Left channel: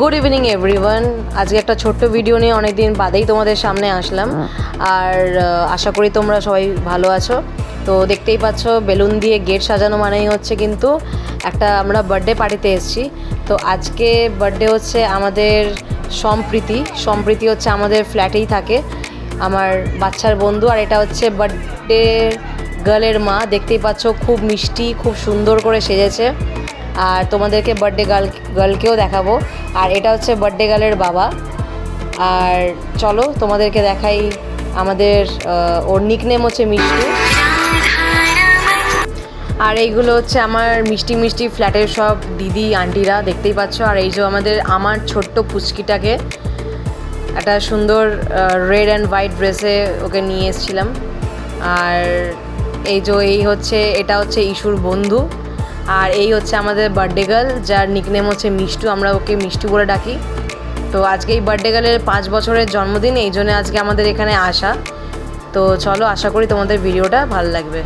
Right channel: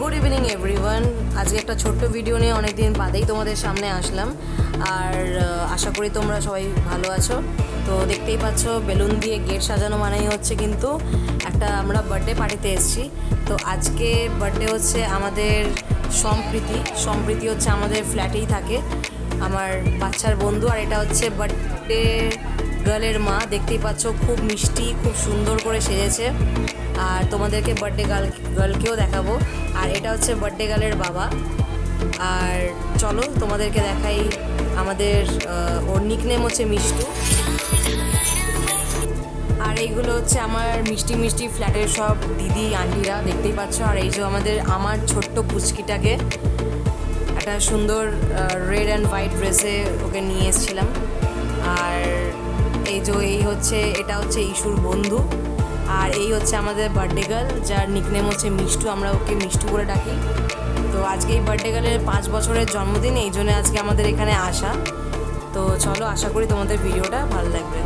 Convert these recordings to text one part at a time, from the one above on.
Good evening everyone. আজকে একটা ছোট্ট ভিডিও নিয়ে অনেক দিন বাদেই তোমাদের সামনে আসলাম। আর আশা করি তোমরা সবাই ভালো আছো। তো দেখতেই পাচ্ছ বেলুন দিয়ে গেট সাজানো মানেই হচ্ছে কিন্তু একটা আমরা বার্থডে পার্টিতে এসেছি। তো আজকে বার্থডে হচ্ছে আমাদের সম্প্রীতি হচ্ছে আমাদের ফ্ল্যাটেই থাকে, আমার বাচ্চার বন্ধু। আর এটা হচ্ছে বার্থডে গার্লের মা, দেখতেই পাচ্ছ খুব মিষ্টি, খুব সুন্দর করে সেজেছে। আর তোমাদেরকে বার্থডে গার্লকেও দেখাবো। আর এটা হচ্ছে বার্থডে গার্লের বাবা। আর চলো তোমাদেরকে দেখাই, আমাদের ওর নিকনেম হচ্ছে মিষ্টু। আর এইগুলো হচ্ছে আমার মিষ্টি ফ্ল্যাটের সব দিদি আন্টিরা, দেখতেই পাচ্ছ। আর এই যে আমার ছোট্ট পুচকিটাকে একটা সুন্দর রেড অ্যান্ড হোয়াইট ড্রেসে ওকে নিয়ে এসেছিলাম। আর এটা হচ্ছে ইস্যুর বন্ধু। আর এই হচ্ছে আমাদের বার্থডে গার্ল, যার নিকনেম হচ্ছে মিষ্টু, আমরা ওকে মিষ্টু বলে ডাকি। তো আজকে এই বার্থডে গার্লের 5 বছরের জন্মদিন, এই জন্য আজকে আমাদের এখানে আসা। তো চলো, আশা করি তোমাদের ভিডিওটা ভালো লাগবে।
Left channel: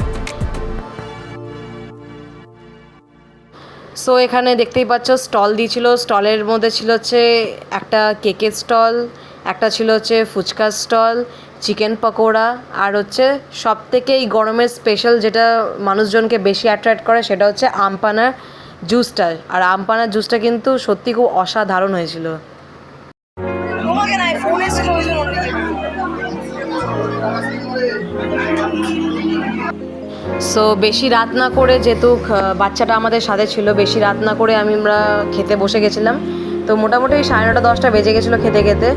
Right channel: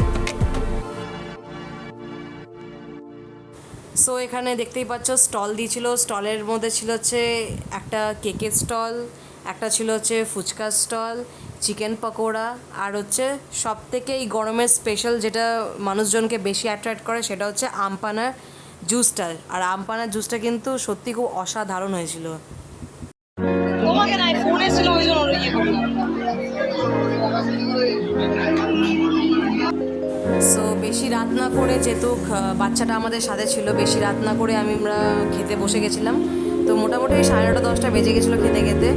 সো এখানে দেখতেই পাচ্ছ স্টল দিয়েছিল। স্টলের মধ্যে ছিল হচ্ছে একটা কেকের স্টল, একটা ছিল হচ্ছে ফুচকার স্টল, চিকেন পকোড়া, আর হচ্ছে সব থেকে এই গরমের স্পেশাল যেটা মানুষজনকে বেশি অ্যাট্রাক্ট করে সেটা হচ্ছে আমপানার জুসটা। আর আমপানার জুসটা কিন্তু সত্যি খুব অসাধারণ হয়েছিল। সো বেশি রাত না করে, যেহেতু বাচ্চাটা আমাদের সাথে ছিল, বেশি রাত না করে আমরা খেতে বসে গেছিলাম। তো মোটামুটি 9:30 10টা বেজে গেছিলো খেতে খেতে।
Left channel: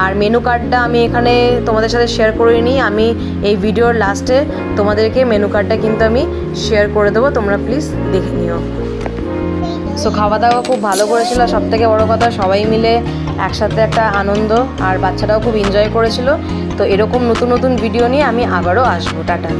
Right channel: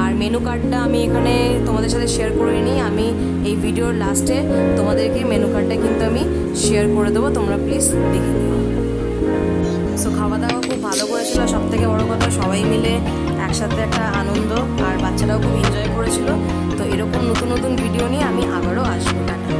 আর মেনু কার্ডটা আমি এখানে তোমাদের সাথে শেয়ার করিনি, আমি এই ভিডিওর লাস্টে তোমাদেরকে মেনু কার্ডটা কিন্তু আমি শেয়ার করে দেবো, তোমরা প্লিজ দেখে নিও। সো খাওয়া দাওয়া খুব ভালো করেছিল, সবথেকে বড় কথা সবাই মিলে একসাথে একটা আনন্দ, আর বাচ্চাটাও খুব এনজয় করেছিল। তো এরকম নতুন ভিডিও নিয়ে আমি আবারও আসবো। টাটা।